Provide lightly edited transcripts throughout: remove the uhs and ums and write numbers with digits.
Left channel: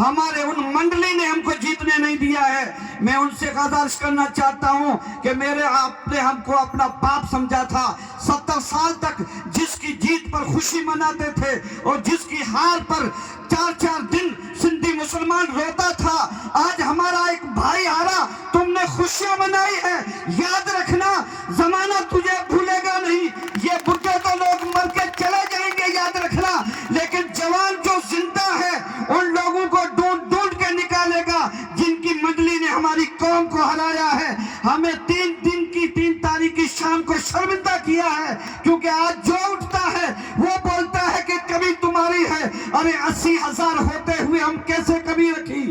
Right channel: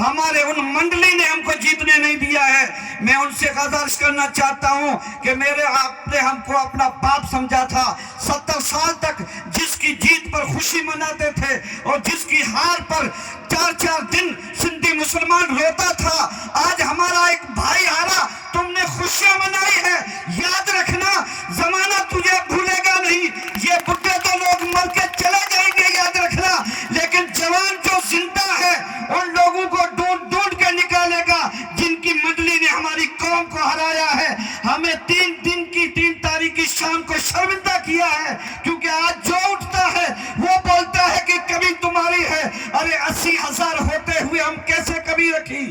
हमारे उन मंडली ने हमको जीतने नहीं दिया है। मैं उनसे गुजारिश करना चाहता हूं कि मेरे आपने हमको अपना बाप समझा था। 70 साल तक जिसकी जीत पर खुशी मनाते थे और जिसकी हार पर 4-4 दिन सिंधी मुसलमान रोता था, आज हमारा एक भाई हारा, तुमने खुशियां मनाई है। याद रखना, जमाना तुझे भूलेगा नहीं। ये बुढ़े तो लोग मर के चले जाएंगे, याद रखना, लेकिन जवान जो जिंदा है उन लोगों को ढूंढ ढूंढ के निकालेगा जिनकी मंडली ने हमारी कौम को हराया है। हमें 3 तारीख की शाम को शर्मिंदा किया है, क्योंकि आज जो उठता है वो बोलता है कि कमी तुम्हारी है। अरे 80,000 होते हुए हम कैसे कमी रखी?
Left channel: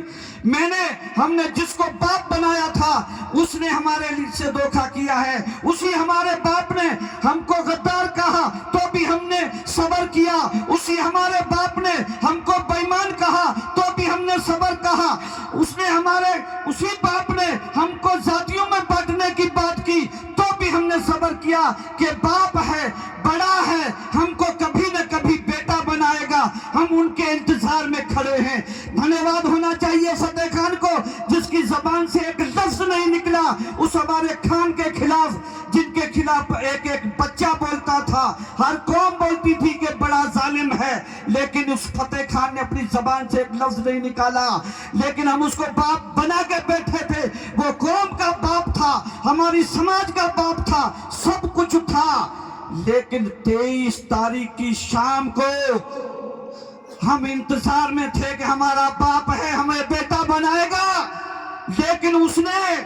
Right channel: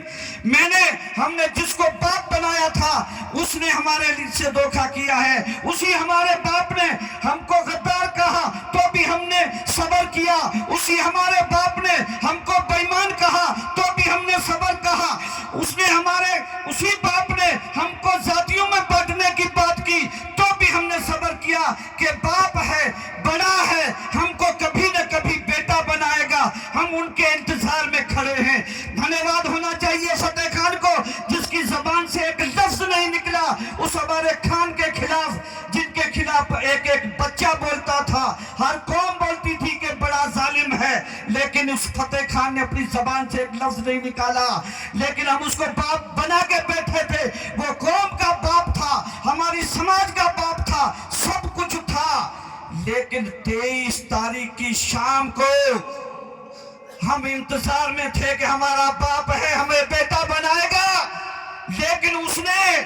हमने जिसको बाप बनाया था उसने हमारे लिए से धोखा किया है। उसी हमारे बाप ने हमको गद्दार कहा तो भी हमने सब्र किया। उसी हमारे बाप ने हमको बेईमान कहा तो भी हमने सब्र कहा। उसी बाप ने हमको जातियों में बांटने की बात की तो भी हमने सब्र किया कि बाप है, बड़ा है, हमको कभी न कभी बेटा बनाएगा। हम उनके इंतजार में खड़े हैं। धन्यवाद होना चाहिए फतेह खान को, जिसकी जबान से एक लफ्ज नहीं निकला उस हमारे खान के खिलाफ, जिनके खिलाफ एक बच्चा बोलता था, हर कौम बोलती थी कि बड़ा जालिम है, लेकिन उस फतेह खान ने अपनी जबान से एक लफ्ज नहीं निकाला। लेकिन हम उसको बाप बना के बैठे थे। वो कौम का बाप था, हमारी समाज का बाप था, सब कुछ था। लेकिन 23 तारीख की शाम को हम इंतजार में थे कि हमारा बाप है, हमें बेटा बनाएगा, लेकिन उसने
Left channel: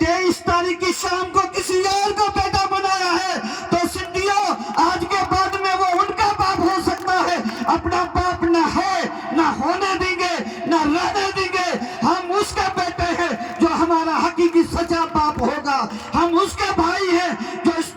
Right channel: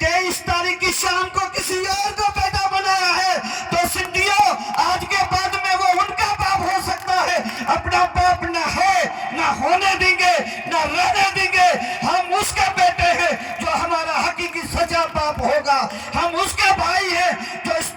23 तारीख की शाम को किसी और को बेटा बनाया है। तो सिंधियों, आज के बाद में वो उनका बाप हो सकता है, अपना बाप ना है, ना होने देंगे, ना रहने देंगे। हम उसके बेटे हैं जो हमारा हकीकी सच्चा बाप होगा।